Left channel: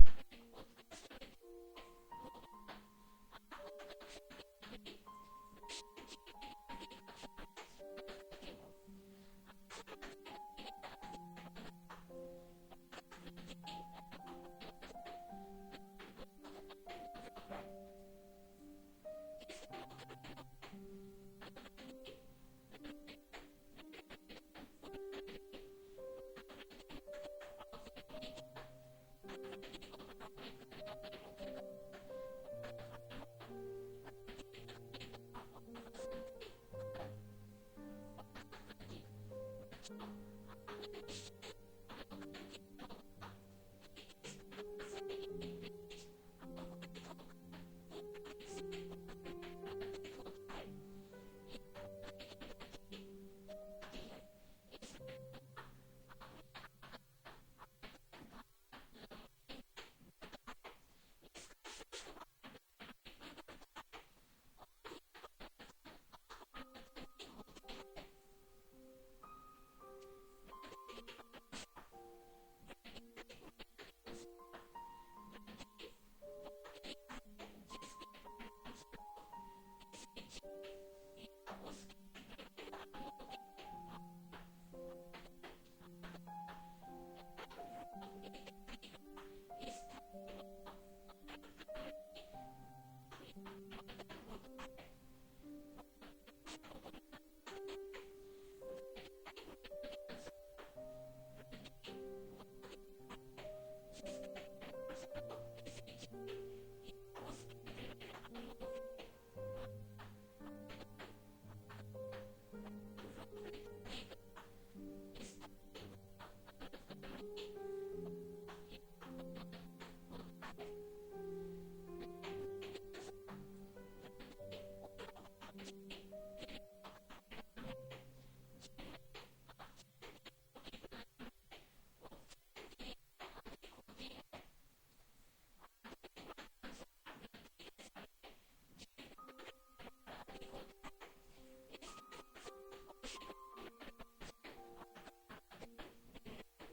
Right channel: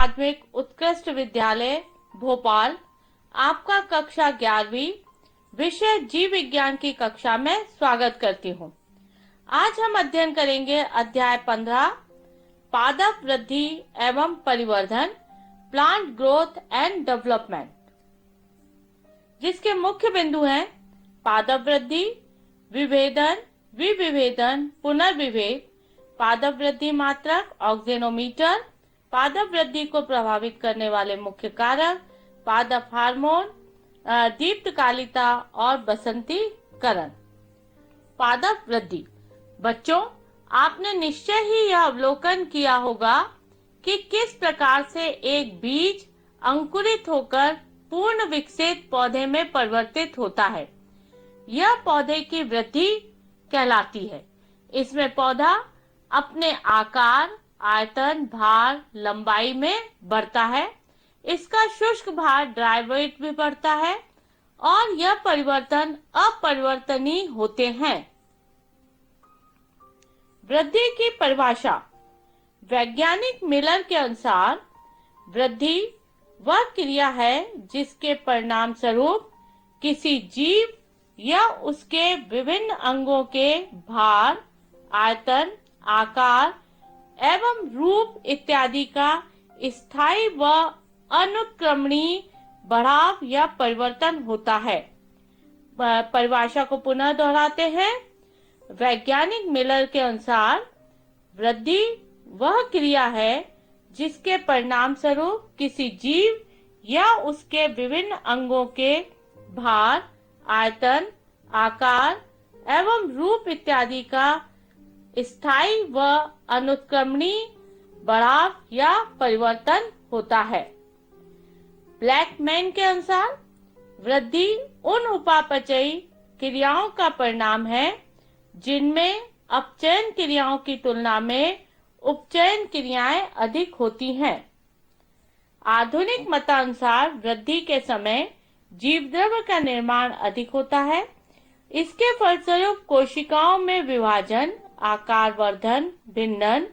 माध्यमिक उत्कृष्ट विद्यालय भोपाल आपका कक्षा 11वीं विषय जीव विज्ञान की कक्षा में स्वागत करती हूँ। आज हम अध्ययन करेंगे अध्याय 15 पादप वृद्धि एवं परिवर्धन प्लांट ग्रोथ एंड डेवलपमेंट, जिसके मुख्य बिंदु हैं पादप वृद्धि, विभेदन, विविभेदन, पुनर्विभेद, पादप वृद्धि मात्रक, ऑक्जेनोमीटर, पादप वृद्धि को प्रभावित करने वाले मुख्य कारक, पादप हार्मोन, दीप्तकालिता और बसंतीकरण। पादप वृद्धि। बच्चों, आपने निश्चय ही यह अवलोकन किया होगा कि किस प्रकार से एक बीज अंकुरित होकर पूर्ण विकसित पौधे में परिवर्तित होता है। यह पौधे की वृद्धि कहलाती है। इसमें पौधा अपने आकार, आयतन, भार, लंबाई में बढ़ता है। इसका शुष्क भार ड्राई वेट भी बढ़ता है और यह परिवर्तन अपरिवर्तनीय होते हैं। वृद्धि की परिभाषा। वैज्ञानिक मिलर के अनुसार वृद्धि वह क्रिया है जिसके परिणाम स्वरूप किसी जीव या उसके विभिन्न अंगों के भार, आयतन, आकार एवं रूप इत्यादि का स्थायी व अनुक्रमणीय बढ़ाव या परिवर्तन होता है। परिभाषा को पुनः दोहराते हैं। वैज्ञानिक मिलर के अनुसार वृद्धि वह क्रिया है जिसके परिणाम स्वरूप किसी जीव या उसके विभिन्न अंगों के भार, आयतन, आकार एवं रूप इत्यादि का स्थायी व अनुक्रमणीय बढ़ाव या परिवर्तन होता है। ब्लैकमैन के अनुसार वृद्धि उन उपापचयी क्रियाओं का परिणाम है जिनमें अपचयन क्रियाओं की तुलना में उपचयन क्रियाएं अधिक होती हैं। आधुनिक मतानुसार वृद्धि के समय जीवद्रव्य का निर्माण अधिक होता है। इसके फलस्वरूप कोशिकाओं में विभाजन, आकार वर्धन, भिन्नन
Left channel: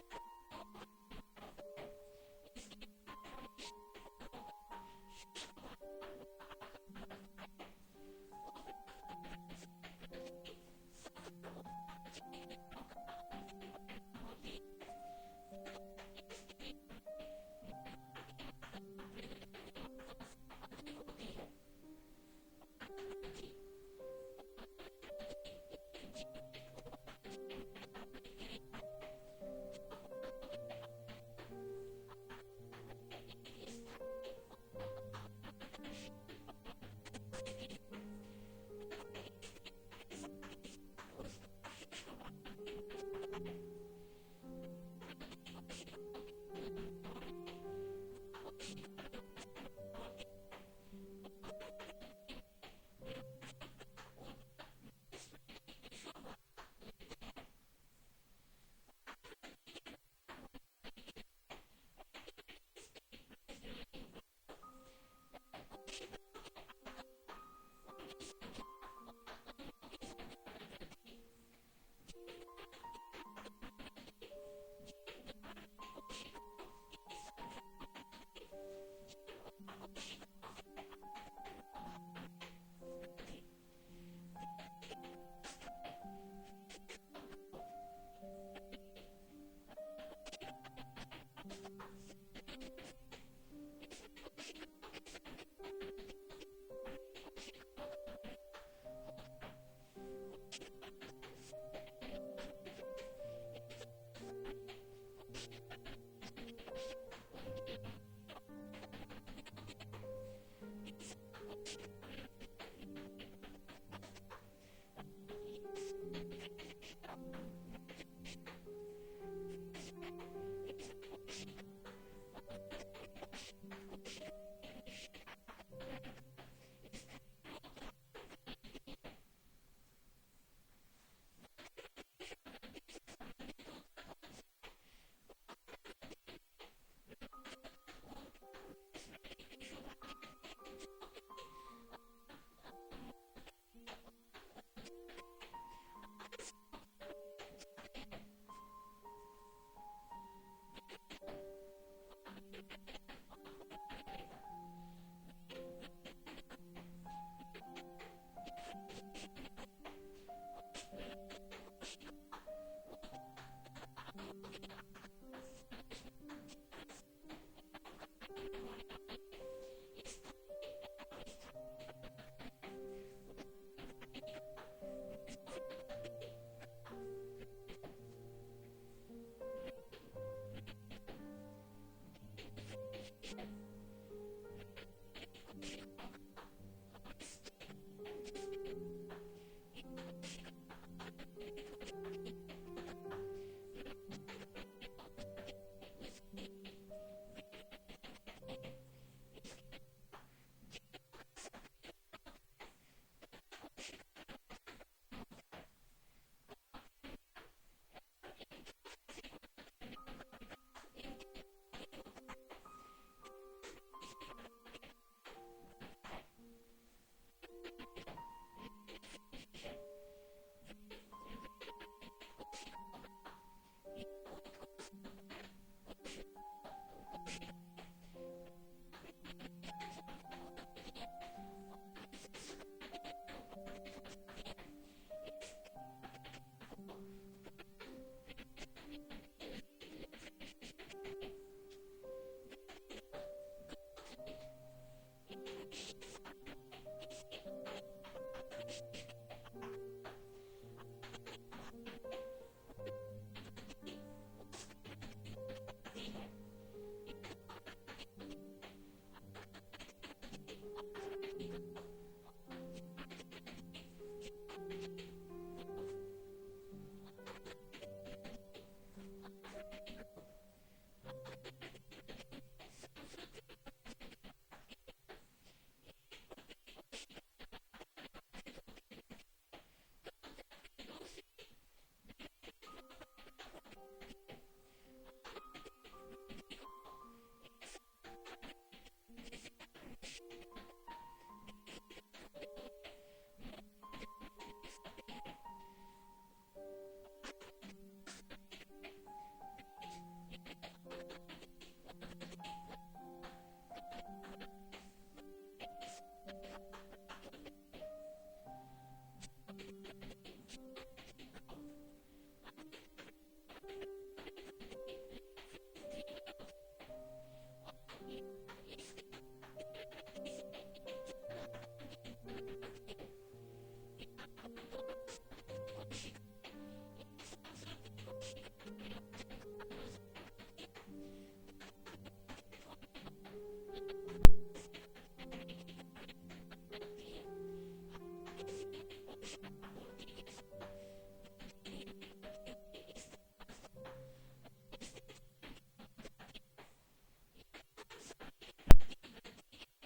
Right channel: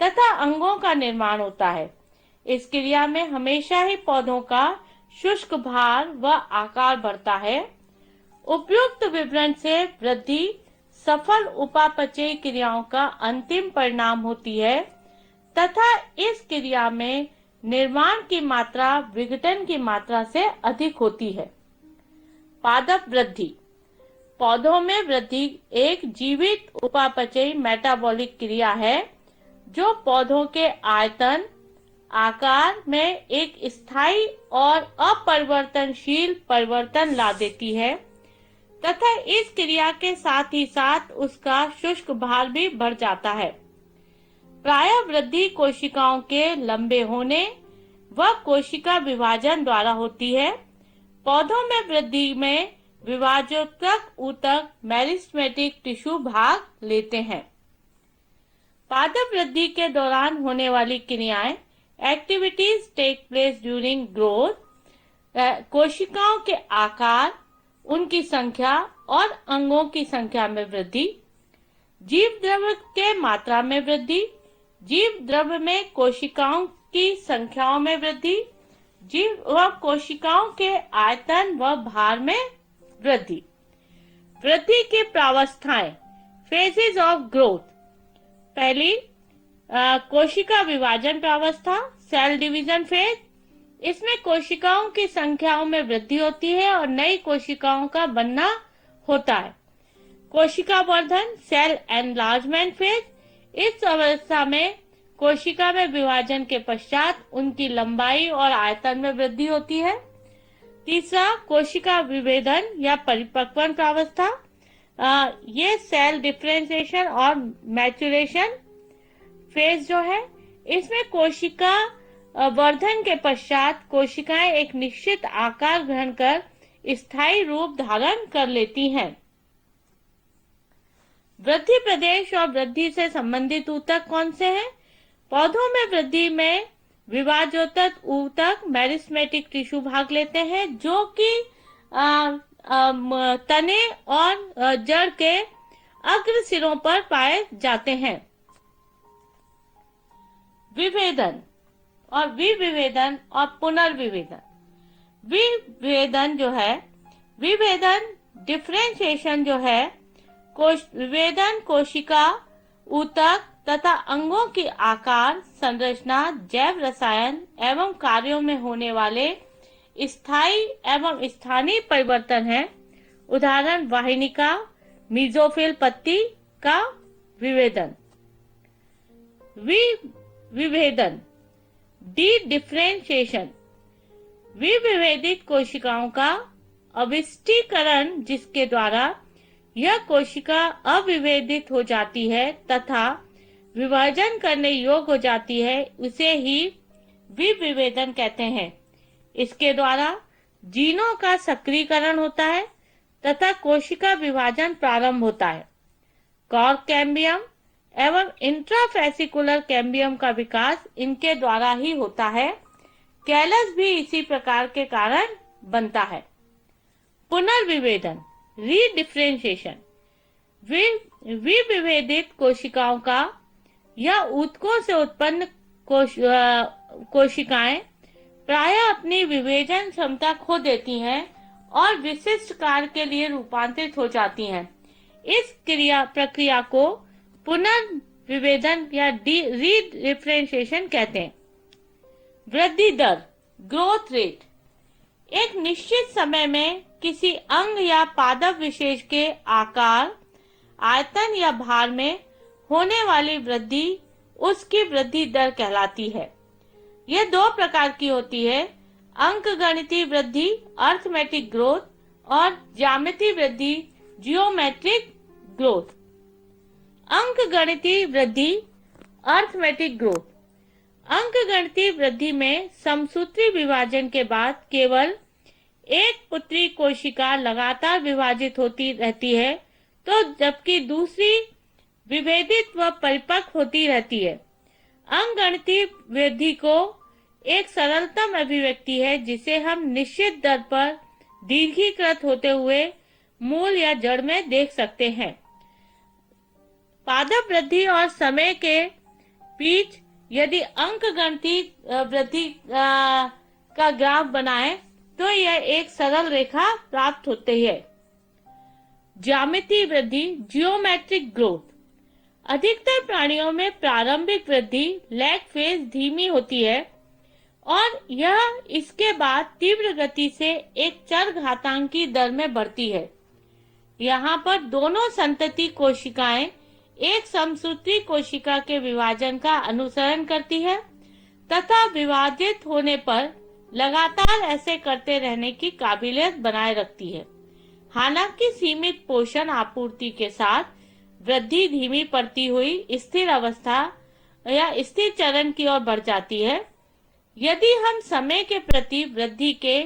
तथा अंगों का निर्माण होता है। इस क्रिया में हमेशा ही पौधों का शुष्क भार व आकार बढ़ता है। उपयुक्त विवरण से वृद्धि सफल उपापचयी क्रियाओं का अंतिम परिणाम होती है तथा इस क्रिया में निर्माण की मात्रा विघटन की मात्रा से अधिक होती है। पादप वृद्धि। पौधों में वृद्धि एक जीवित उपापचयी मेटाबॉलिक क्रिया है जो पौधों के आयतन, आकार में एक स्थायी और अपरिवर्तनशील परिवर्तन ला देती है तथा इस क्रिया के साथ ही साथ उसका शुष्क भार भी बढ़ जाता है। प्रायः वृद्धि कोशिकाओं के लंबे होने व कोशिका विभाजन द्वारा होती है। पौधों में वृद्धि में विभाजोत्तक ऊतक मेरिस्टेमेटिक टिश्यू भाग लेते हैं। पादप वृद्धि के दौरान होने वाली क्रियाएं activities take place during growth. कोशिकाओं के आकार, उनकी संख्या और अंगों की संख्या में वृद्धि। जीव द्रव्य के मात्रा में वृद्धि। जीव द्रव्य में कोशिकाओं की संख्याओं में वृद्धि। जीव व कोशिकाओं के आयतन व भार में वृद्धि। वृद्धि की प्रावस्थाएं, फेजेस ऑफ ग्रोथ। पहली कोशिका विभाजन प्रावस्था, सेल डिवीजन फेज। इसमें कोशिकाओं की संख्याओं में वृद्धि होती है और नई कोशिकाओं का बनना होता है। कोशिका वर्धन, सेल एनलार्जमेंट फेज। इस अवस्था में कोशिका में विभाजन के पश्चात उनकी लंबाई और आयतन में वृद्धि होती है। तीसरा कोशिका विभेदन या परिपक्वन प्रावस्था। ये सेल डिफरेंशिएशन और मैच्योरेशन फेज जो है, इसमें कोशिका वर्धन के पश्चात कोशिकाएं एक निश्चित आकार ग्रहण कर स्थायी रूप धारण कर लेती हैं। वृद्धि प्रदेश और वृद्धि से संबंधित ऊतक कौन से हैं? पौधों में वृद्धि में विभाजोत्तक ऊतक मेरिस्टेमेटिक टिश्यू भाग लेते हैं जो कि तने और जड़ के अग्र सिरों पर पाए जाते हैं। विभेदन और विविभेदन और पुनर्विभेदन। विभेदन जो है, विभेदन डिफरेंशिएशन जो है, विभेदन कोशिका, ऊतक तथा अंगों की आकार, संरचना, जैव रसायन एवं कार्यों में होने वाले स्थायी एवं स्थानीय परिवर्तन है। उदाहरण वाहिनिका, मीजोफिल पत्ती का विभेदन। विभेदन डी डिफरेंशिएशन, विभेदित कोशिकाओं का अविष्टीकरण जिसके द्वारा यह कोशिका अविभेदित हो जाती है तथा विभाजन करने योग्य हो जाती है, उसे ही विभेदन कहते हैं। इसके द्वारा जीनों का सक्रियकरण होता है तथा कोशिका विभाजन प्रारंभ होता है। कॉर्क कैम्बियम एवं इंट्राफेसिकुलर कैम्बियम का विकास इनके द्वारा ही होता है। कैलस भी इसी प्रकार के कारण बनता है। पुनर्विभेदन रीडिफरेंशिएशन, विभेदित कोशिकाओं का या ऊतकों से उत्पन्न कोशिकाएं प्रायः अपनी विभेदन क्षमता खो देती हैं और विशिष्ट कार्य के लिए रूपांतरित हो जाती हैं। इस प्रक्रिया को पुनर्विभेदन या रीडिफरेंशिएशन कहते हैं। वृद्धि दर ग्रोथ रेट, एक निश्चित समय में किसी अंग या पादप विशेष के आकार, आयतन या भार में होने वाली वृद्धि उसकी वृद्धि दर कहलाती है। यह दो प्रकार की होती है, अंकगणितीय वृद्धि अर्थमेटिक ग्रोथ और ज्यामितीय वृद्धि जियोमेट्रिक ग्रोथ। अंकगणितीय वृद्धि अर्थमेटिक ग्रोथ, अंकगणितीय वृद्धि में समसूत्री विभाजन के बाद केवल एक पुत्री कोशिका लगातार विभाजित होती रहती है, तो जबकि दूसरी विभेदित व परिपक्व होती रहती है। अंकगणितीय वृद्धि को एक सरलतम अभिव्यक्ति है जिसे हम निश्चित दर पर दीर्घीकृत होते हुए मूल या जड़ में देख सकते हैं। पादप वृद्धि और समय के बीच यदि अंकगणितीय वृद्धि का ग्राफ बनाएं तो यह एक सरल रेखा प्राप्त होती है। ज्यामितीय वृद्धि जियोमेट्रिक ग्रोथ, अधिकतर प्राणियों में प्रारंभिक वृद्धि लैग फेज धीमी होती है और यह इसके बाद तीव्र गति से एक चरघातांकी दर में बढ़ती है। यहाँ पर दोनों संतति कोशिकाएं एक समसूत्री कोशिका के विभाजन का अनुसरण करती है तथा विभाजित होने पर लगातार ऐसे करते रहने की काबिलियत बनाए रखती है। हालांकि सीमित पोषण आपूर्ति के साथ वृद्धि धीमी पड़ती हुई स्थिर अवस्था या स्थिर चरण की ओर बढ़ जाती है। यदि हम समय के प्रति वृद्धि के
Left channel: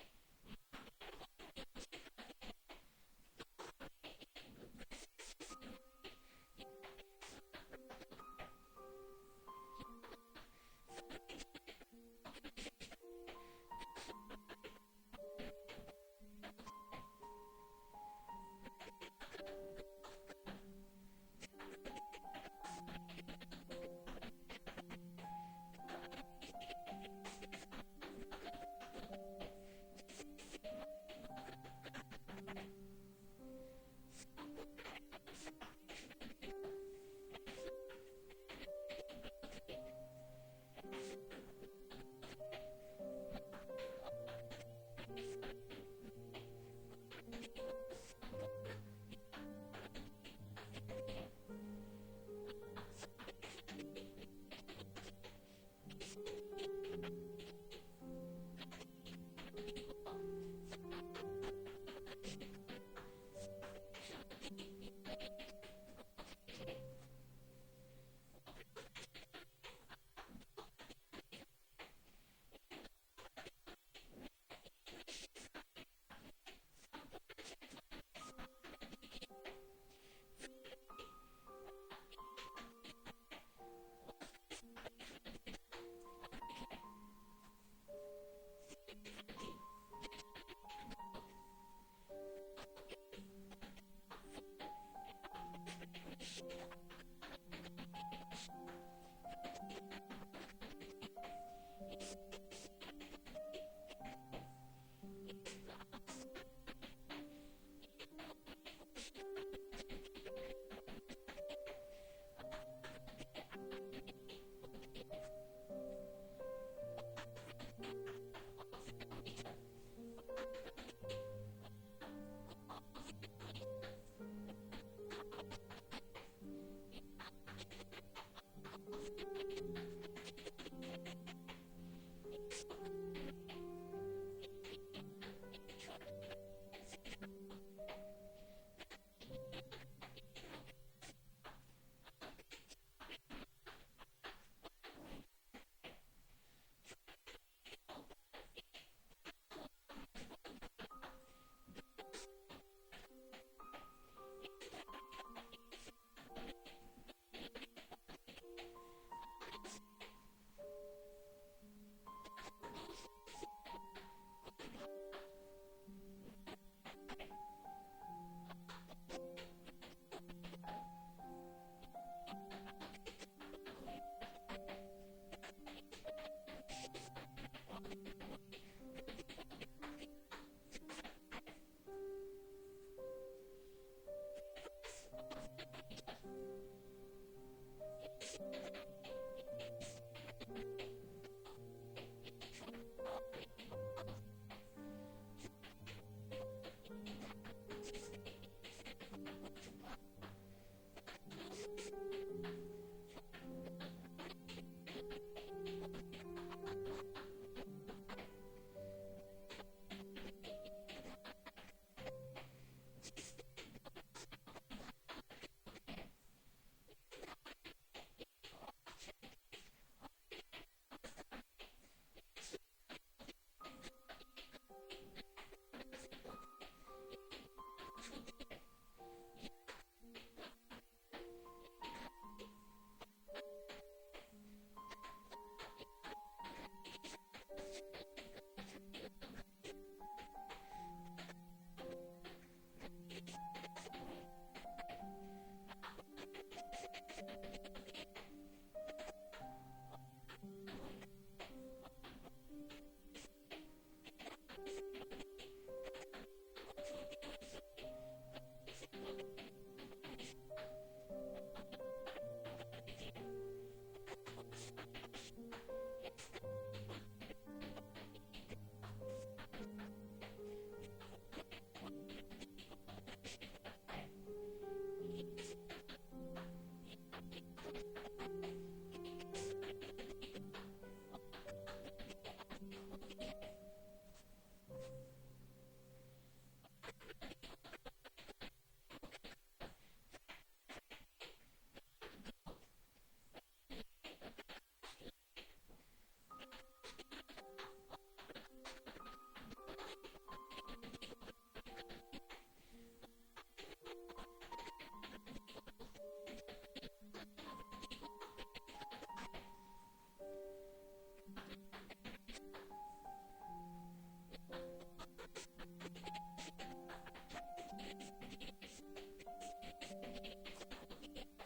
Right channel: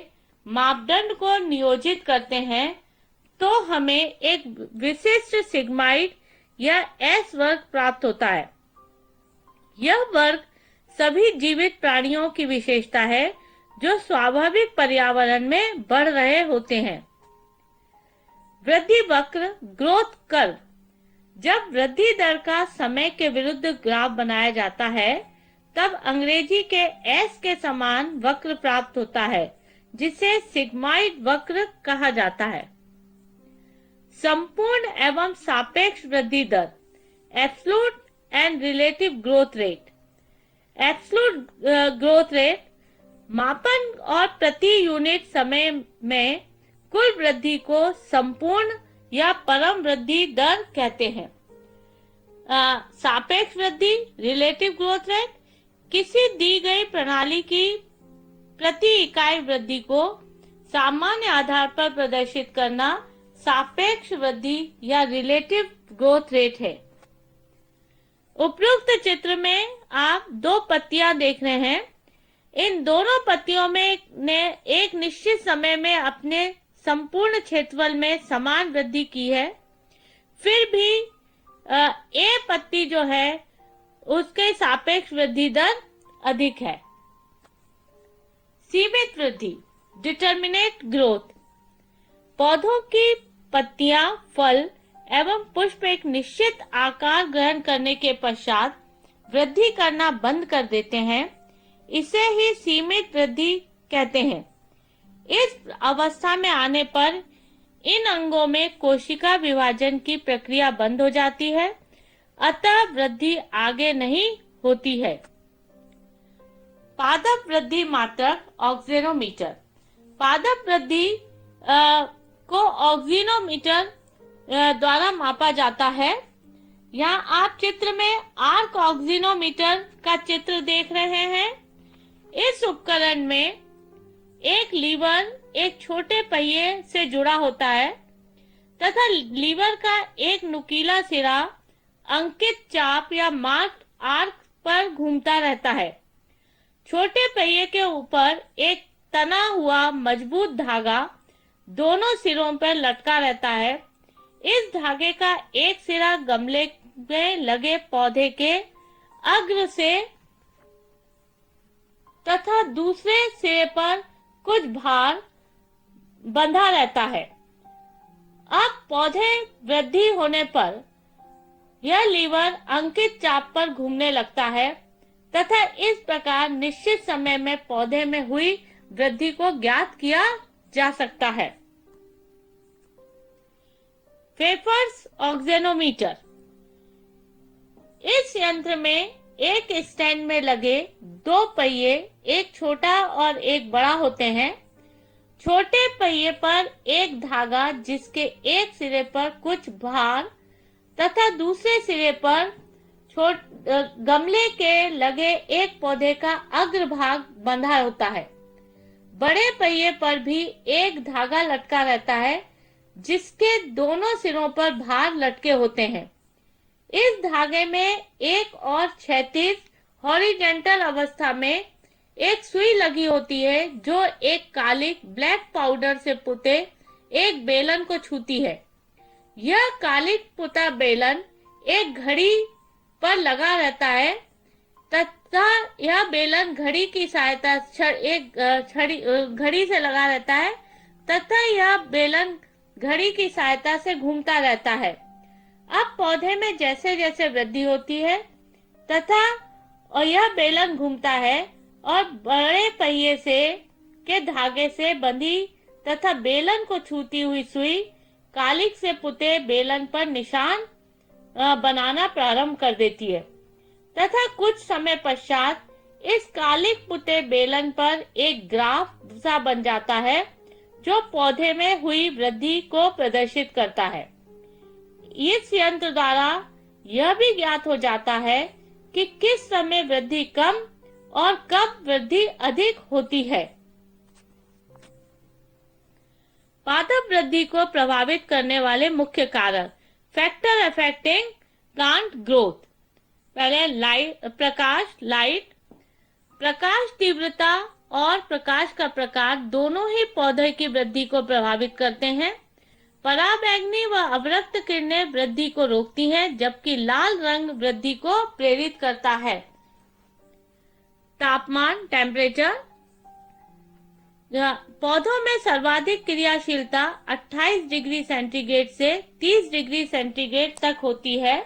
मापदंड को नियोजित करते हैं तो हमें एक विशिष्ट सिग्माइड या एस वर्ग प्राप्त होता है। यह वर्ग सभी जीवित प्राणियों की विशेषता है जो स्वाभाविक पर्यावरण में बढ़ रहे होते हैं। वृद्धि वक्र ग्रोथ कर्व, जब वृद्धि दर का समय के विरुद्ध ग्राफ बनाया जाता है तब अंग्रेजी के एस के समान वक्र प्राप्त होता है जिसे सिग्माइड वक्र कहा जाता है। संपूर्ण एवं सापेक्ष वृद्धि दर absolute and relative growth rate. Absolute growth rate मापन और प्रति यूनिट समय में कुल वृद्धि को संपूर्ण या परम वृद्धि दर कहते हैं। सापेक्ष वृद्धि रिलेटिव ग्रोथ रेट किसी दी गई प्रणाली की प्रति इकाई वृद्धि को सामान्य आधार पर प्रदर्शित करना सापेक्ष वृद्धि या रिलेटिव ग्रोथ रेट है। उपरोक्त चित्र में आप दो पत्तियां देख रहे हैं। इन दोनों पत्तियों में ने एक निश्चित समय में अपने संपूर्ण क्षेत्रफल में समान वृद्धि की है, फिर भी ए पत्ती जो है उसके सापेक्ष वृद्धि दर अधिक है। सीमित वृद्धि डिटर्मिनेट ग्रोथ, पौधों की पत्तियां, फल एवं पुष्प एक निश्चित आकार ग्रहण करने के पश्चात वृद्धि करना बंद कर देते हैं। इसे ही सीमित वृद्धि कहते हैं। इस अवस्था में आने पर इन अंगों में कोशिका विभाजन की प्रक्रिया बंद हो जाती है, अतः वृद्धि आगे नहीं होती है। पादप वृद्धि मात्रक ऑक्सीनोमीटर। पादप वृद्धि को ऑक्सीनोमीटर द्वारा मापा जाता है। यहाँ आप चित्र में आर्क ऑक्सीनोमीटर का चित्र देख रहे हैं। इस उपकरण में एक लीवर एक छोटे पहिए से जुड़ा होता है तथा लीवर का एक नुकीला सिरा अंकित चाप या मार्क आर्क पर घूमता रहता है। छोटे पहिए के ऊपर एक तना हुआ मजबूत धागा दोनों सिरों पर लटका रहता है। इस धागे का एक सिरा गमले में लगे पौधे के अग्र से तथा दूसरे सिरे पर कुछ भार बंधा रहता है। अब पौधे वृद्धि होने पर यह लीवर अंकित चाप पर घूमने लगता है तथा इस प्रकार निश्चित समय में पौधे में हुई वृद्धि को ज्ञात किया जा सकता है। फेफर्स ऑक्सीनोमीटर। इस यंत्र में एक स्टैंड में लगे दो पहिए, एक छोटा और एक बड़ा होते हैं। छोटे पहिए पर एक धागा जिसके एक सिरे पर कुछ भार तथा दूसरे सिरे पर गमले के लगे एक पौधे का अग्रभाग बंधा होता है। बड़े पहिए पर भी एक धागा लटका रहता है जिसके दोनों सिरों पर भार लटके होते हैं। इस धागे में एक और क्षैतिज हॉरिजॉन्टल अवस्था में एक सुई लगी होती है जो एक कालिक ब्लैक पाउडर से पुते एक बेलन को छूती है। यह कालिक पुता बेलन एक घड़ी पर लगा रहता है तथा यह बेलन घड़ी की सहायता घड़ी से लगा रहता है तथा यह बेलन घड़ी की सहायता से घूमता रहता है। अब पौधे में जैसे जैसे वृद्धि होती है तथा और यह बेलन घूमता है और बड़े पहिए से के धागे से बंधी तथा बेलन को छूती हुई सुई कालिक से पुते बेलन पर निशान बनाना प्रारंभ कर देती है तथा कुछ समय पश्चात इस कालिक पुते बेलन पर एक ग्राफ सा बन जाता है जो पौधे में हुई वृद्धि को प्रदर्शित करता है। इस यंत्र द्वारा यह भी ज्ञात हो जाता है कि किस समय वृद्धि कम और कब वृद्धि अधिक होती है। पादप वृद्धि को प्रभावित करने वाले मुख्य कारक फैक्टर अफेक्टिंग प्लांट ग्रोथ। पहले प्रकाश तीव्रता और प्रकाश का प्रकार दोनों ही पौधे की वृद्धि को प्रभावित करते हैं। पराबैंगनी व अवरक्त किरणें वृद्धि को रोकती हैं जबकि लाल रंग वृद्धि को प्रेरित करता है। तापमान टेम्परेचर। पौधों में सर्वाधिक क्रियाशीलता 28 डिग्री सेंटीग्रेड से 30 डिग्री सेंटीग्रेड तक होती है।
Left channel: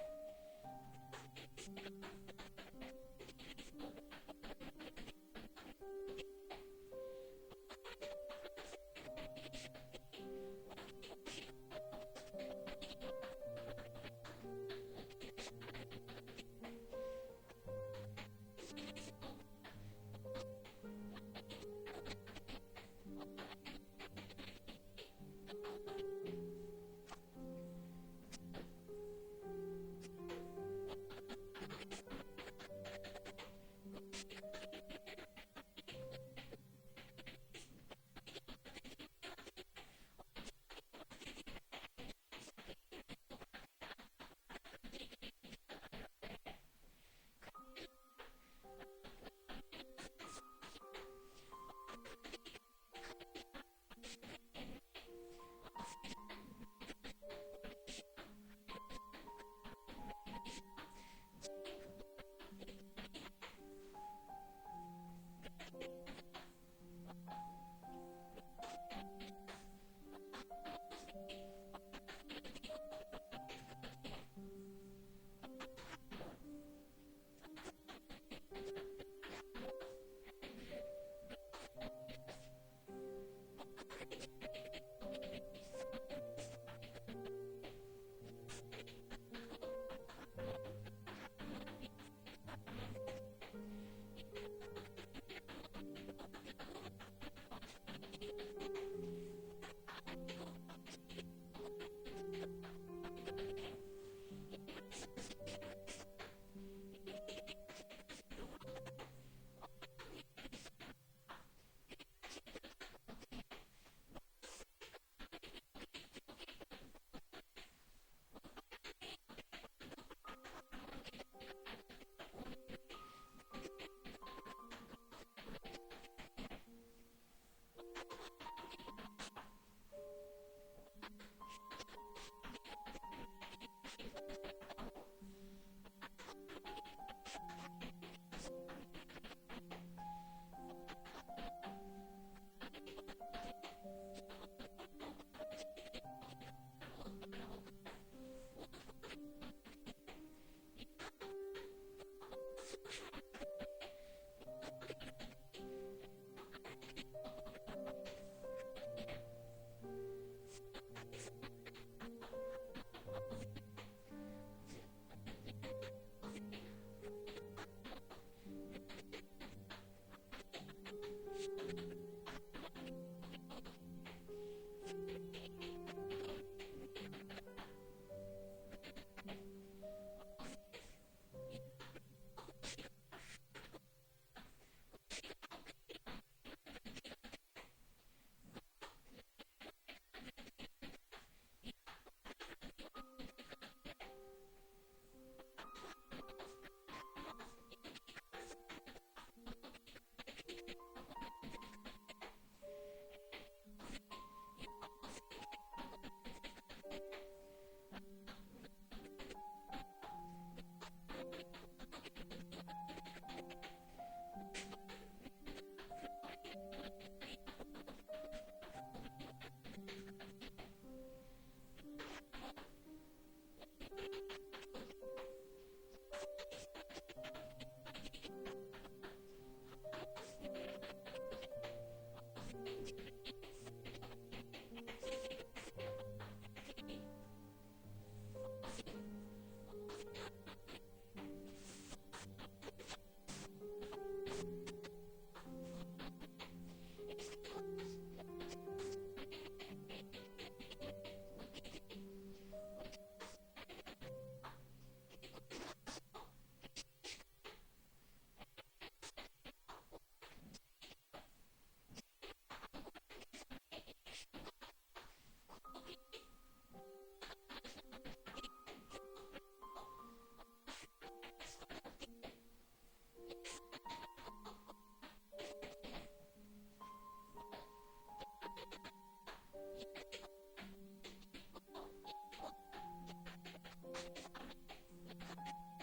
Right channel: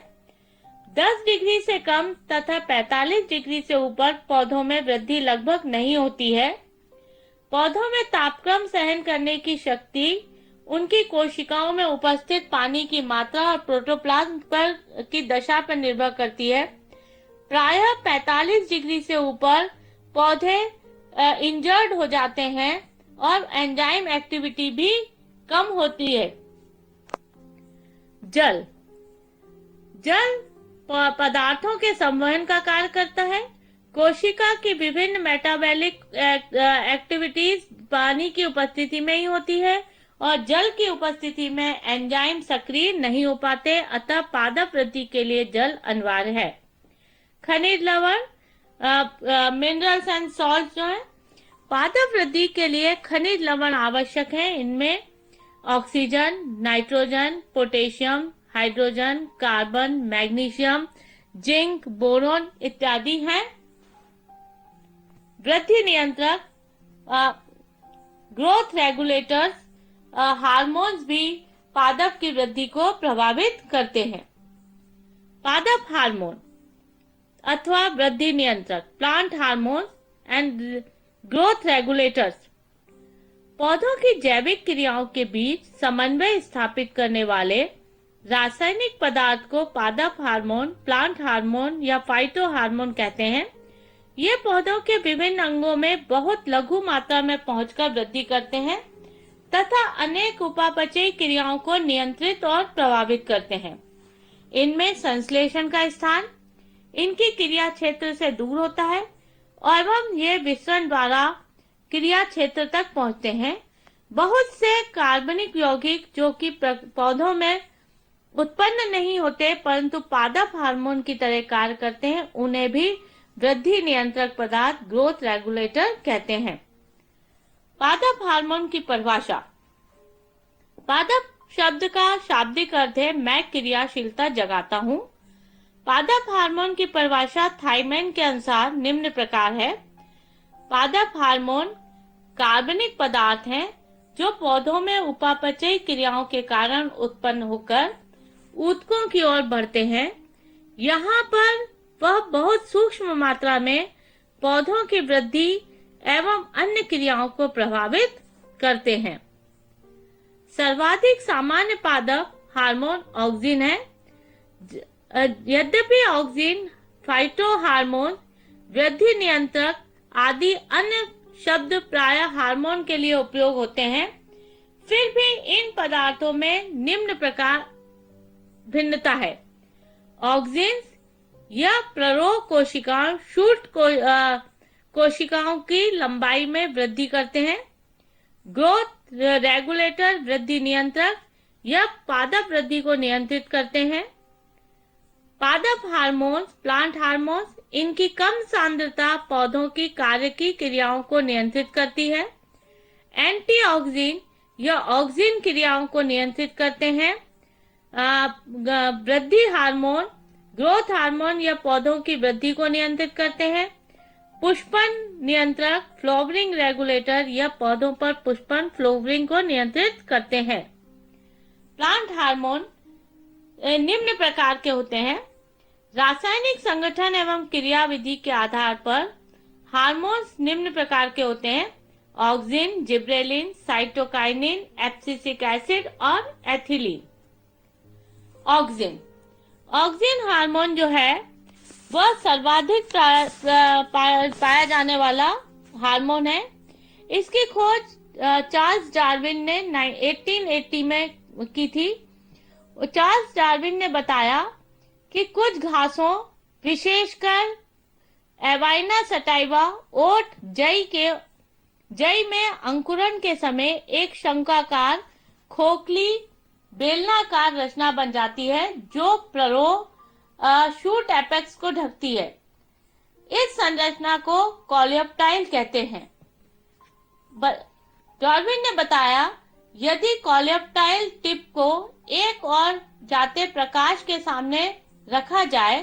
10 डिग्री से कम तथा 45 डिग्री से ऊपर पौधों में वृद्धि लगभग नहीं होती है। पौधों में तापक्रम सहन करने की शक्ति उनकी कोशिकाओं में उपस्थित पानी की मात्रा और प्रोटोप्लाज्म पर की दशा पर निर्भर करती है। प्रायः 45 डिग्री से ऊपर पौधे इंजर्ड हो जाते हैं और एंजाइम एक्टिविटी भी कम होती है। जल पदार्थों के संवहन का कार्य करता है। कोशिका की विभिन्न मेटाबॉलिक एक्टिविटीज पानी की उपस्थिति में ही होती है और जल की उपस्थिति में एंजाइम सक्रिय नहीं हो पाते, अतः पादप वृद्धि के लिए जल अनिवार्य है। खनिज लवण मिनरल्स एंड सॉल्ट जो है पादप वृद्धि के लिए खनिज लवण आवश्यक है। इनमें oxygen, nitrogen, potassium, hydrogen, carbon, magnesium, zinc, boron इत्यादि हैं। वृद्धि नियंत्रक ग्रोथ रेगुलेटर्स हार्मोन्स भी पादप की वृद्धि को प्रभावित करते हैं। पादप हार्मोन अथवा वृद्धि नियंत्रक plant hormone and growth regulators. पौधों की जैविक क्रियाओं के बीच समन्वय स्थापित करने वाले रासायनिक पदार्थ को पादप हार्मोन, प्लांट हार्मोन या फाइटो हार्मोन कहते हैं। ये पौधों के विभिन्न अंगों में बहुत लघु मात्रा में पहुंचकर वृद्धि करते हैं तथा अनेक उपापचयी क्रियाओं को नियंत्रित और प्रभावित करते हैं। इनमें संश्लेषण का स्थान इनकी क्रिया क्षेत्र से दूर होता है एवं ये विसरण द्वारा क्रिया क्षेत्र तक पहुंचते हैं। बहुत से कार्बनिक यौगिक जो कि पौधों में उत्पन्न नहीं होते परंतु पादप हार्मोन की तरह कार्य करते हैं, उन्हें भी वृद्धि नियंत्रक पदार्थ, ग्रोथ रेगुलेटर कहते हैं। पादप हार्मोन की परिभाषा। पादप शब्द का शाब्दिक अर्थ है मैं क्रियाशीलता जगाता हूँ। पादप हार्मोन की परिभाषा थाईमैन के अनुसार निम्न प्रकार है। पादप हार्मोन कार्बनिक पदार्थ हैं जो पौधों में उपापचयी क्रियाओं के कारण उत्पन्न होकर ऊतकों की ओर बढ़ते हैं। यहाँ पर वह बहुत सूक्ष्म मात्रा में पौधों की वृद्धि एवं अन्य क्रियाओं को प्रभावित करते हैं। सर्वाधिक सामान्य पादप हार्मोन ऑक्सिन है। यद्यपि ऑक्सिन, फाइटो हार्मोन, वृद्धि नियंत्रक आदि अन्य शब्द प्रायः हार्मोन के लिए उपयोग होते हैं, फिर भी इन पदार्थों में निम्न प्रकार भिन्नता है। ऑक्सिन यह प्ररोह कोशिकाओं, शूट कोशिकाओं की लंबाई में वृद्धि करते हैं। ग्रोथ रेगुलेटर, वृद्धि नियंत्रक, यह पादप वृद्धि को नियंत्रित करते हैं। पादप हार्मोन्स, प्लांट हार्मोन्स, इनकी कम सांद्रता पौधों की कार्य की क्रियाओं को नियंत्रित करती है। एंटीऑक्सिन, यह ऑक्सिन क्रियाओं को नियंत्रित करते हैं। वृद्धि हार्मोन, ग्रोथ हार्मोन, यह पौधों की वृद्धि को नियंत्रित करते हैं। पुष्पन नियंत्रक, फ्लावरिंग रेगुलेटर, यह पौधों पर पुष्पन, फ्लावरिंग को नियंत्रित करते हैं। प्लांट हार्मोन निम्न प्रकार के होते हैं। रासायनिक संगठन एवं क्रियाविधि के आधार पर हार्मोन्स निम्न प्रकार के होते हैं। Auxin, gibberellin, cytokinin, abscisic acid और एथिलीन। ऑक्सिन हार्मोन जो है वह सर्वाधिक पाया जाने वाला हार्मोन है। इसकी खोज चार्ल्स डार्विन ने 1880 में की थी। चार्ल्स डार्विन ने बताया कि कुछ घासों, विशेषकर एवाइना सटाइवा, ओट, जई में अंकुरण के समय एक शंक्वाकार, खोखली, बेलनाकार रचना बन जाती है जो प्ररोह शूट एपेक्स को ढकती है। इस संरचना को कॉलियोप्टाइल कहते हैं। डार्विन ने बताया यदि कॉलियोप्टाइल टिप को एक और जाते प्रकाश के सामने रखा जाए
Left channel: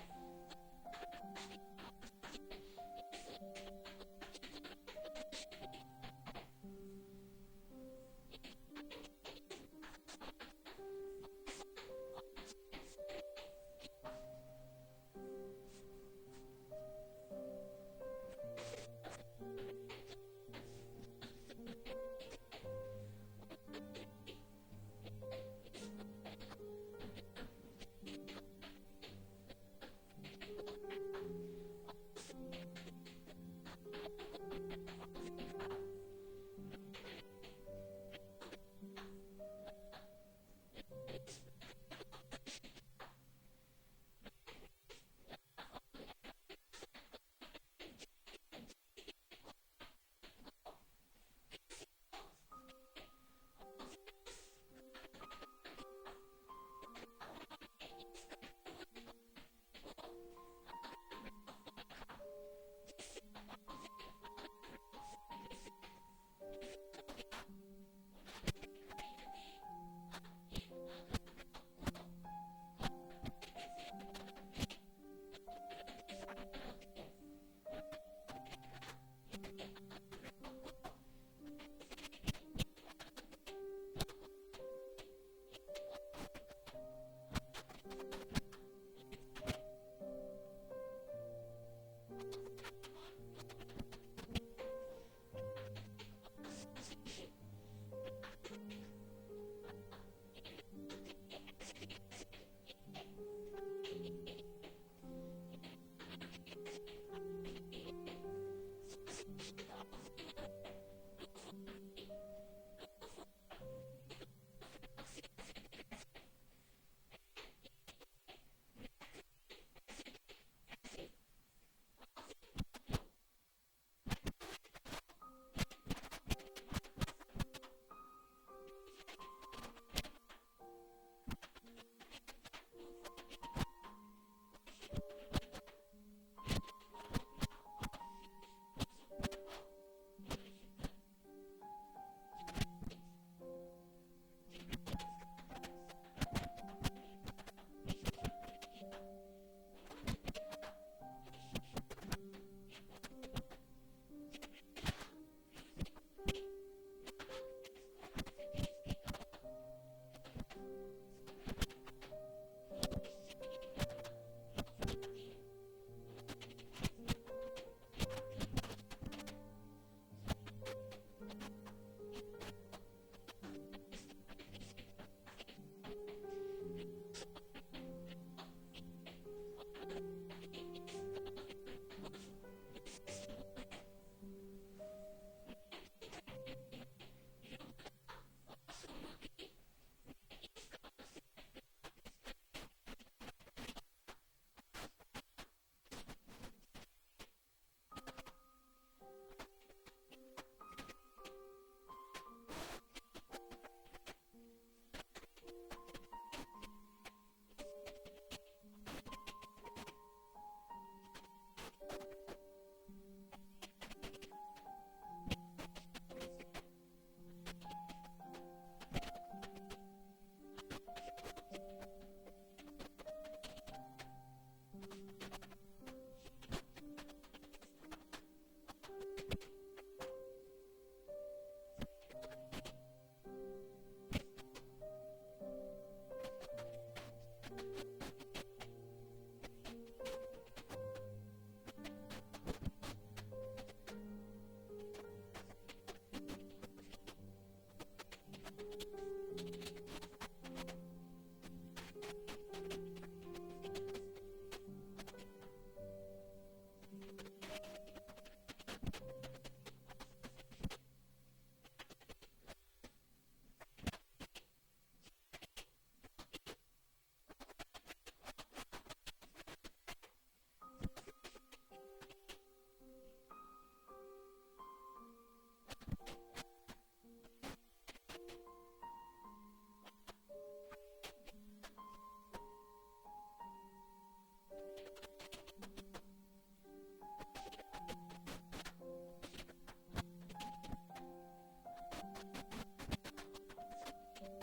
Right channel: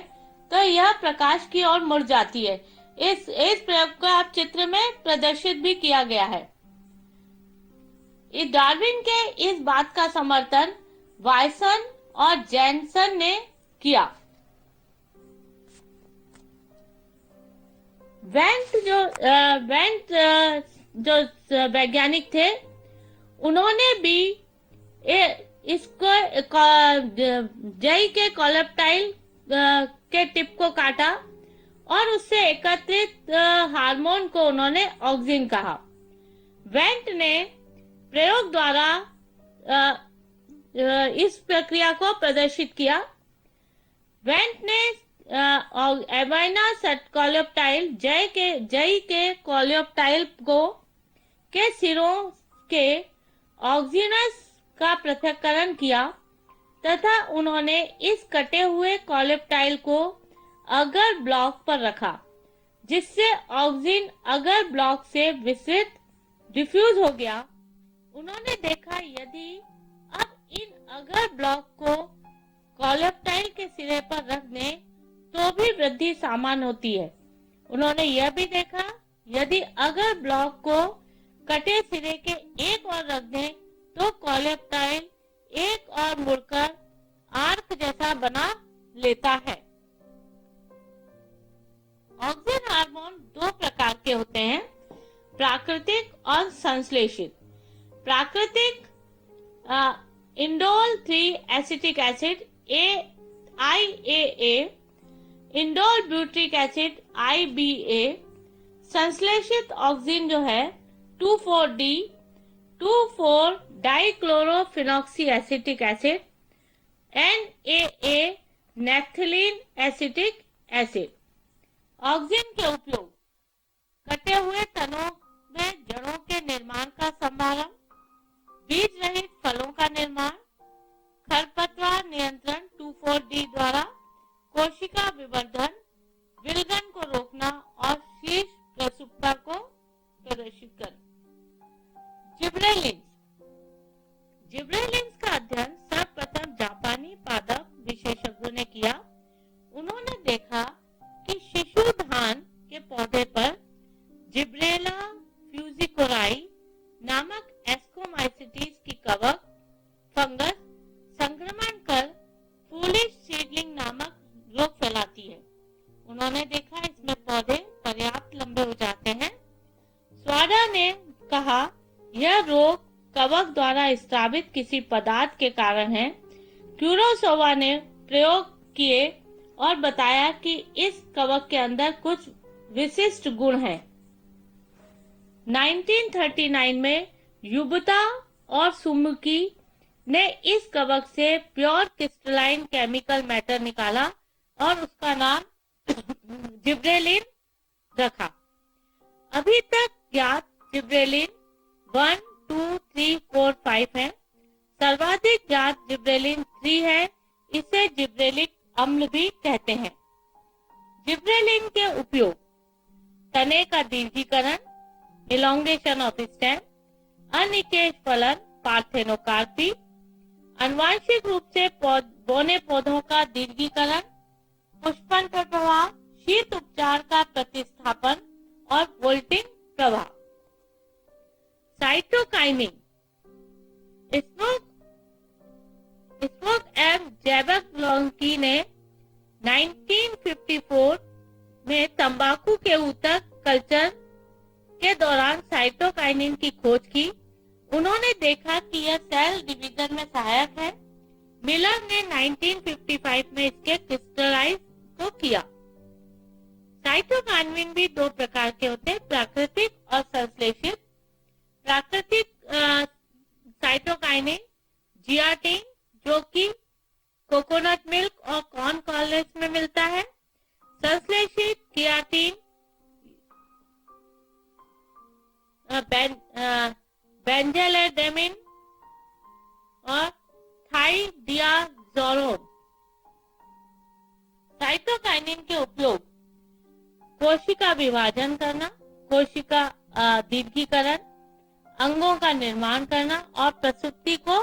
तो यह प्रकाश की ओर मुड़ जाती है। इस प्रयोग को आप चित्र में प्रदर्शित भी किया गया है। इस डार्विन के इस बात का समर्थन वायसन और जैनसन ने किया। वेंट जो वैज्ञानिक थे उन्होंने भी इसको जई के कॉलियोप्टाइल के टिप को काटा और उससे एकत्रित हार्मोन को उन्होंने ऑक्सिन कहा। वेंट ने प्रयोग द्वारा इस प्रक्रिया को प्रदर्शित किया। वेंट ने एवाइना कॉलियोप्टाइल, जई के कॉलियोप्टाइल को के सिरों के ऑक्सिनस का पृथक्करण किया तथा उन्होंने इस कटे हुए कॉलियोप्टाइल को अगर ब्लॉक पर रखा, जिससे ऑक्सिन अगर ब्लॉक से विस्तृत डिफ्यूज हो गया। उन्होंने देखा यदि अब इन अगर ब्लॉक को कॉलियोप्टाइल के सिरे पर रख दें तो भी वृद्धि समान होती है। उन्होंने यह भी देखा यदि अगर ब्लॉक को कटे सिरे के एक और रख दें तो कॉलियोप्टाइल एक और मुड़कर आर्क जैसा बना लेता है। ऑक्सिन हार्मोन दो प्रकार के होते हैं, प्राकृतिक और संश्लेषित। प्राकृतिक indole 3 acetic acid IAA, indole butyric acid IBA। संश्लेषित ऑक्सिन जो है 2,4-D 2,4 dichlorophenoxy acetic acid NAA, naphthalene acetic acid. Auxin के उपयोग कटे हुए तनों में जड़ों के निर्माण का संभालन, बीज रहित फलों का निर्माण, खरपतवार नियंत्रण 2,4-D द्वारा, कोशिका विवर्धन, विलगन को रोकना और शीर्ष प्रसुप्ता को प्रदर्शित करना। जिब्रेलिन्स। जिब्रेलिन्स का अध्ययन सर्वप्रथम जापानी पादप विशेषज्ञों ने किया। उन्होंने देखा कि शिशु धान के पौधे पर जिब्रेला फ्यूजिकोराई नामक एस्कोमाइसिटीज की कवक फंगस संक्रमण कर फूलिश सीडलिंग नामक रोग फैलाती है। उन्होंने देखा इसमें पौधे पर्याप्त लंबे हो जाते हैं। स्वाडा ने कहा यह रोग कवक द्वारा स्रावित किसी पदार्थ के कारण है। क्यूरोसोवा ने प्रयोग किए और बताया कि इस कवक के अंदर कुछ विशिष्ट गुण हैं। 1939 में युबता और सुमुकी ने इस कवक से प्योर क्रिस्टलाइन केमिकल मैटर निकाला और उसका नाम जिब्रेलिन रखा। अभी तक ज्ञात जिब्रेलिन 1, 2, 3, 4, 5 है। सर्वाधिक ज्ञात जिब्रेलिन 3 है। इसे जिब्रेलिक अम्ल भी कहते हैं। जिब्रेलिन के उपयोग तने का दीर्घीकरण, इलोंगेशन ऑफ स्टेम, अनिकेश फलन पार्थेनोकार्पी, आनुवांशिक रूप से बौने पौधों का दीर्घीकरण, पुष्पन पर प्रभाव, शीत उपचार का प्रतिस्थापन और वोल्टिंग प्रभाव। साइटोकाइनिन। स्मोक एम जैबकलोंकी ने 1954 में तंबाकू के ऊतक कल्चर के दौरान साइटोकाइनिन की खोज की। उन्होंने देखा कि यह सेल डिवीजन में सहायक है। मिलर ने 1955 में इसके क्रिस्टलाइज को किया। साइटोकाइनिन भी दो प्रकार के होते हैं, प्राकृतिक और संश्लेषित। प्राकृतिक साइटोकाइनिन जियाटिन जो कि कोकोनट मिल्क और कॉर्न कॉर्नलेट्स में मिलता है। संश्लेषित कियाटिन बेंजेलेडेमिन और थाइडियाजोलोन। साइटोकाइनिन के उपयोग कोशिका विभाजन करना, कोशिका दीर्घीकरण, अंगों का निर्माण करना और प्रसूति को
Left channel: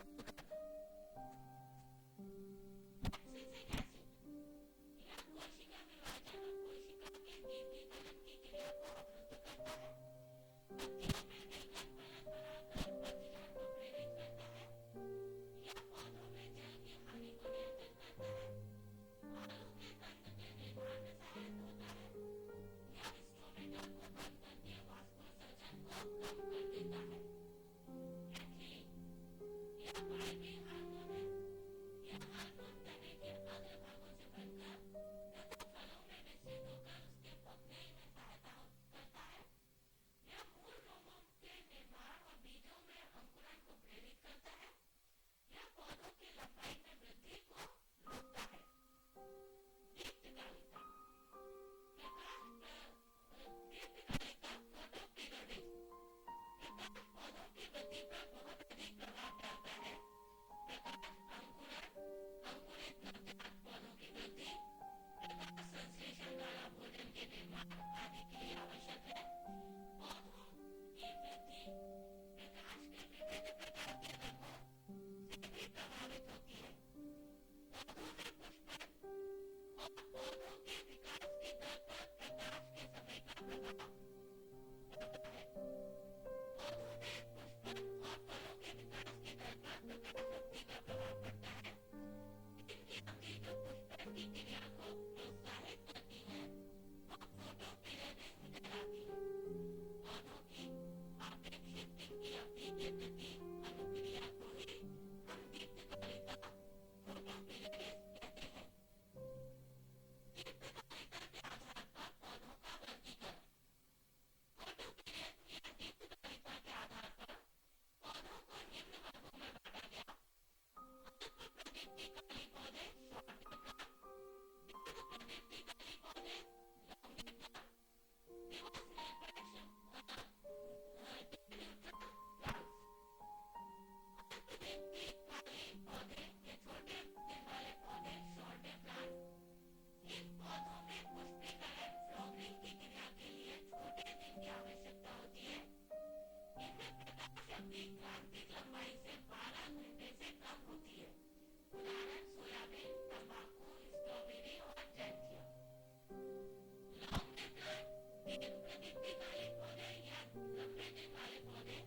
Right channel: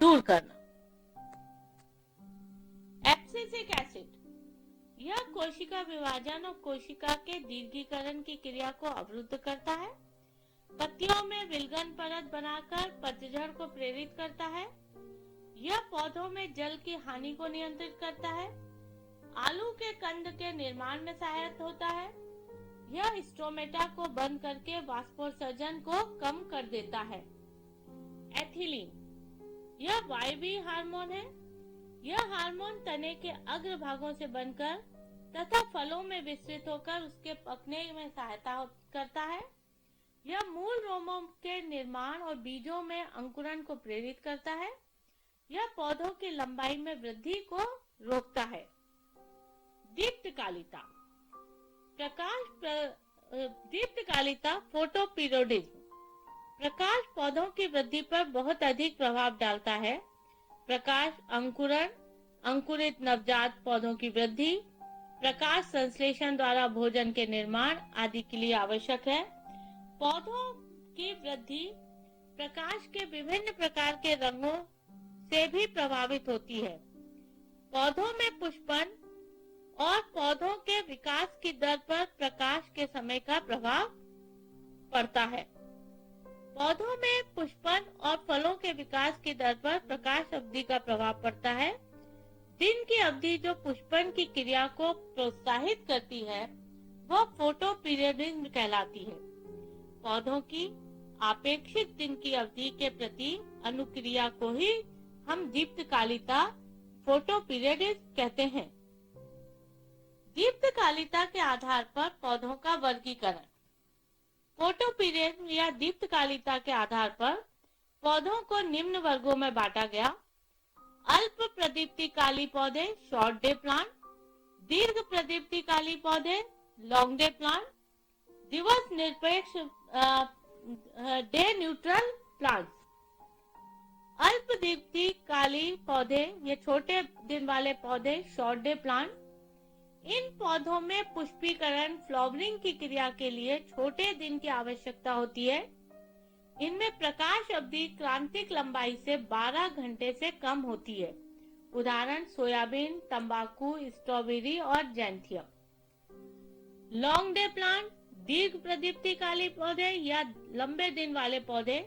दूर करना। एब्सिसिक एसिड यह कोशिका विभाजन और कोशिका के दीर्घीकरण की क्रिया को अवरुद्ध करता है। पत्तियों में विलगन परत बनाकर पतझड़ को प्रेरित करता है। यह पौधों में जल की हानि को नियंत्रित करता है। आलू के कंद के निर्माण में सहायक होता है। यह स्टोमेटा को बंद करके वाष्पोत्सर्जन को कम कर देता है। एथिलीन यह वायवीय हार्मोन है। यह हार्मोन तने के अग्र भागों से बनकर तथा फलों में विस्तृत होकर उसके पकने में सहायता करता है। यह मूल रोमों के निर्माण और बीजों में अंकुरण को प्रेरित करता है। यह पौधों की लंबाई में वृद्धि को रोकता है। दीप्तकालिता दीप्तकालिता फोटोपीरियोडिज्म प्रकाश पौधों की वृद्धि पर बहुत अधिक प्रभाव डालता है। प्रकाश अंकुरण, अंकुरित नवजात पौधों की वृद्धि, प्रकाश संश्लेषण द्वारा भोजन के निर्माण आदि के लिए आवश्यक है। पौधों की वृद्धि प्रकाश के विभिन्न प्रकार के रंगों से भी प्रभावित होती है। पौधों में पुष्पन और पौधों के विकास की दर पर प्रकाश के समय का प्रभाव पड़ता है। पौधों में पुष्पन और फलों के विकास की दर पर प्रकाश अवधि का प्रभाव पड़ता है। दिन की अवधि जो पुष्पन की क्रिया को प्रोत्साहित करती है वह फोटोपीरियडिज्म कहलाती है। पौधों की अपेक्षित दिन की अवधि के प्रति अनुक्रिया को ही हम दीप्तकालिता फोटोपीरियडिज्म कहते हैं। दीप्तकालिता के आधार पर पौधों का वर्गीकरण। फोटोपीरियडिज्म या दीप्तकालिता के आधार पर पौधों को निम्न वर्गों में बांटा गया। अल्प प्रदीप्तिकाली पौधे शॉर्ट डे प्लांट, दीर्घ प्रदीप्तिकाली पौधे लॉन्ग डे प्लांट, दिवस निरपेक्ष डे न्यूट्रल प्लांट्स। अल्प दीप्तिकाली पौधे ये छोटे दिन वाले पौधे शॉर्ट डे प्लांट। इन पौधों में पुष्पीकरण फ्लावरिंग की क्रिया के लिए छोटे दिन की आवश्यकता होती है। इनमें प्रकाश अवधि क्रांतिक लंबाई से 12 घंटे से कम होती है। उदाहरण सोयाबीन, तंबाकू, स्ट्रॉबेरी और जैंथियम। लॉन्ग डे प्लांट दीर्घ प्रदीप्तिकाली पौधे या लंबे दिन वाले पौधे।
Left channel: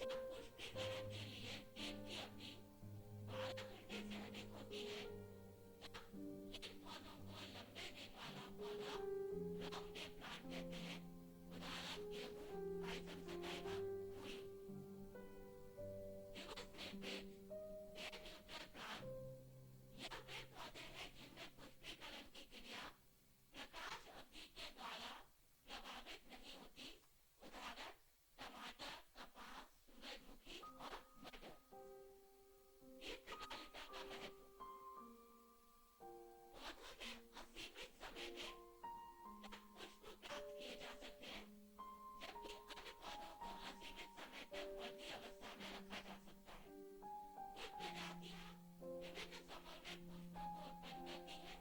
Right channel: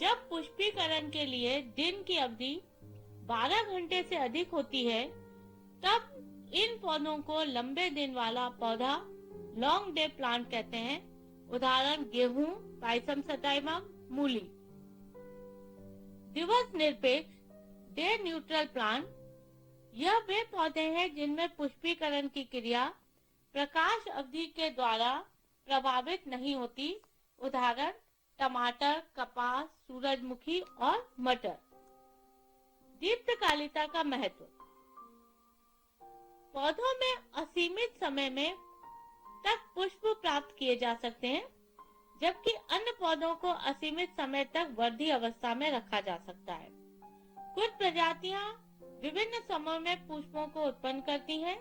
जब पुष्पीकरण के लिए दिन की अवधि 12 घंटे से अधिक होती है तब इन पौधों को लंबे दिन वाला पौधा लॉन्ग डे प्लांट कहते हैं। उदाहरण गेहूं, पायसम सटाइवा, मूली। दिवस निरपेक्ष डे न्यूट्रल प्लांट यह वे पौधे हैं जिनमें पुष्पीकरण की क्रिया प्रकाश अवधि के द्वारा प्रभावित नहीं होती। उदाहरण टमाटर, कपास, सूरजमुखी और मटर। दीप्तकालिता का महत्व। पौधों में असीमित समय में तक पुष्प प्राप्त किए जा सकते हैं, जबकि अन्य पौधों को असीमित समय तक वर्धी अवस्था में रखा जा सकता है। कुछ प्रजातियां विभिन्न समय में पुष्पों को उत्पन्न करती हैं।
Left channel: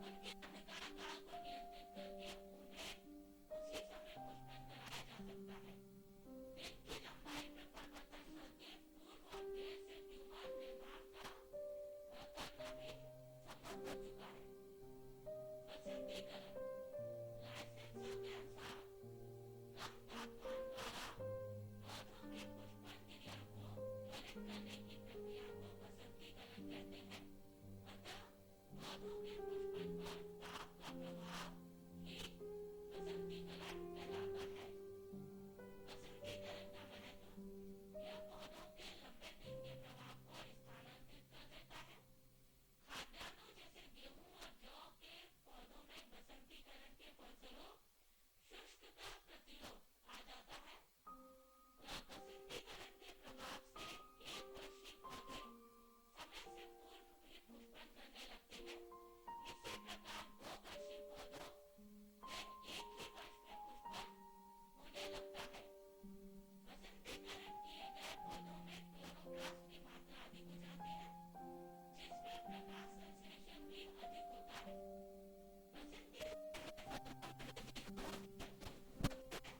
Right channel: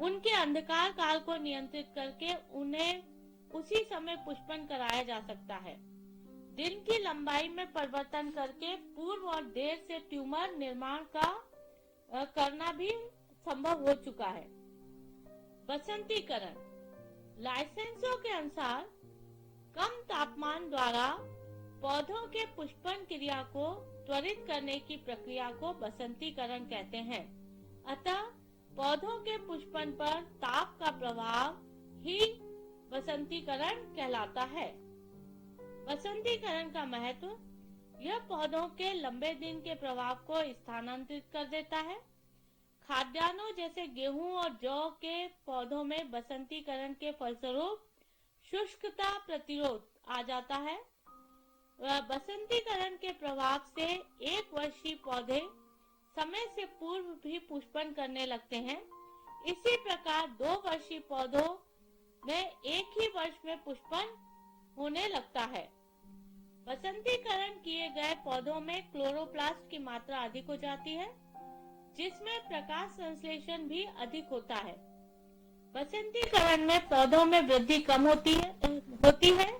उनके अंधकार काल को नियंत्रित करके उन्हें उसी समय पुष्पन कराया जा सकता है। दिन की लंबाई में परिवर्तन करके पूर्व और देर से ट्यूमर निर्माण का करना भी संभव हो चुका है। बसंतीकरण। लाइसेंसों के अनुसार कम तापमान द्वारा पौधों के पुष्पन क्रिया को त्वरित करने की प्रक्रिया को बसंतीकरण कहते हैं। अतः पौधों के पुष्पन पर ताप का प्रभाव ही बसंतीकरण कहलाता है। बसंतीकरण का महत्व। यह पौधों के लंबे दिन के प्रभाव को स्थानांतरित कर देता है। खाद्यान्नों जैसे गेहूं और जौ के पौधों में बसंतीकरण के फलस्वरूप शुष्कता प्रतिरोध आ जाता है। बसंतीकरण के प्रभाव से 1 वर्षीय पौधे समय से पूर्व भी पुष्पन करने लगते हैं। इसी प्रकार 2 वर्षीय पौधों में एक ही वर्ष में पुष्पन होने लगता है। बसंतीकरण किए गए पौधों में क्लोरोप्लास्ट की मात्रा अधिक हो जाती है, जिसमें प्रकाश संश्लेषण भी अधिक होता है। बसंतीकरण में पौधों में वृद्धि कम होती है।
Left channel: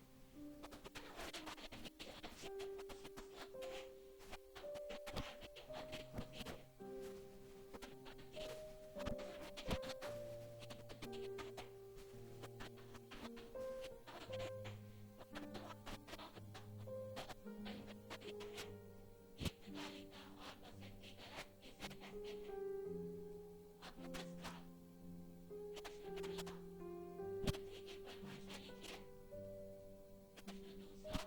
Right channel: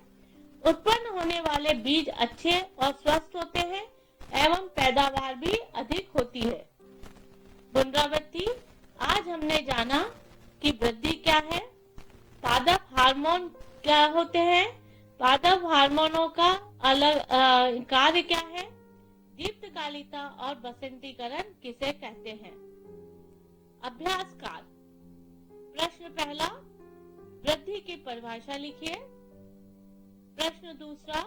उत्पन्न होने वाले बीज अच्छे और स्वस्थ होते हैं एवं पैदावार भी अधिक होती है। पुनरावृत्ति। आज हमने जाना कि वृद्धि क्या है, पादप हार्मोन क्या होते हैं, पादप हार्मोनों का अलग कार्य क्या है, दीप्तकालिता और बसंतीकरण किसे कहते हैं। अभ्यास काल। प्रश्न पहला, वृद्धि की परिभाषा लिखिए। प्रश्न दूसरा,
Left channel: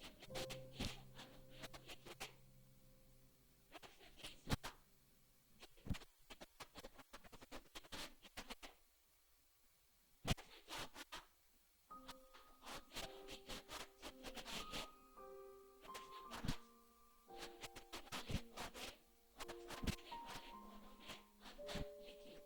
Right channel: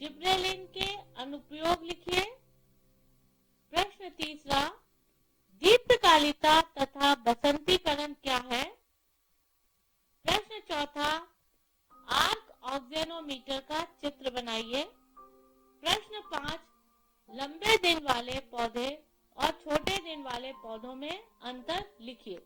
जिब्रेलिन के अनुप्रयोग लिखिए। प्रश्न तीसरा, दीप्तकालिता तथा बसंतीकरण क्या है। प्रश्न चौथा, आर्क ऑक्सेनोमीटर का चित्र बनाइए। प्रश्न 5, लंबे दिन वाले पौधे और छोटे दिन वाले पौधों में अंतर लिखिए।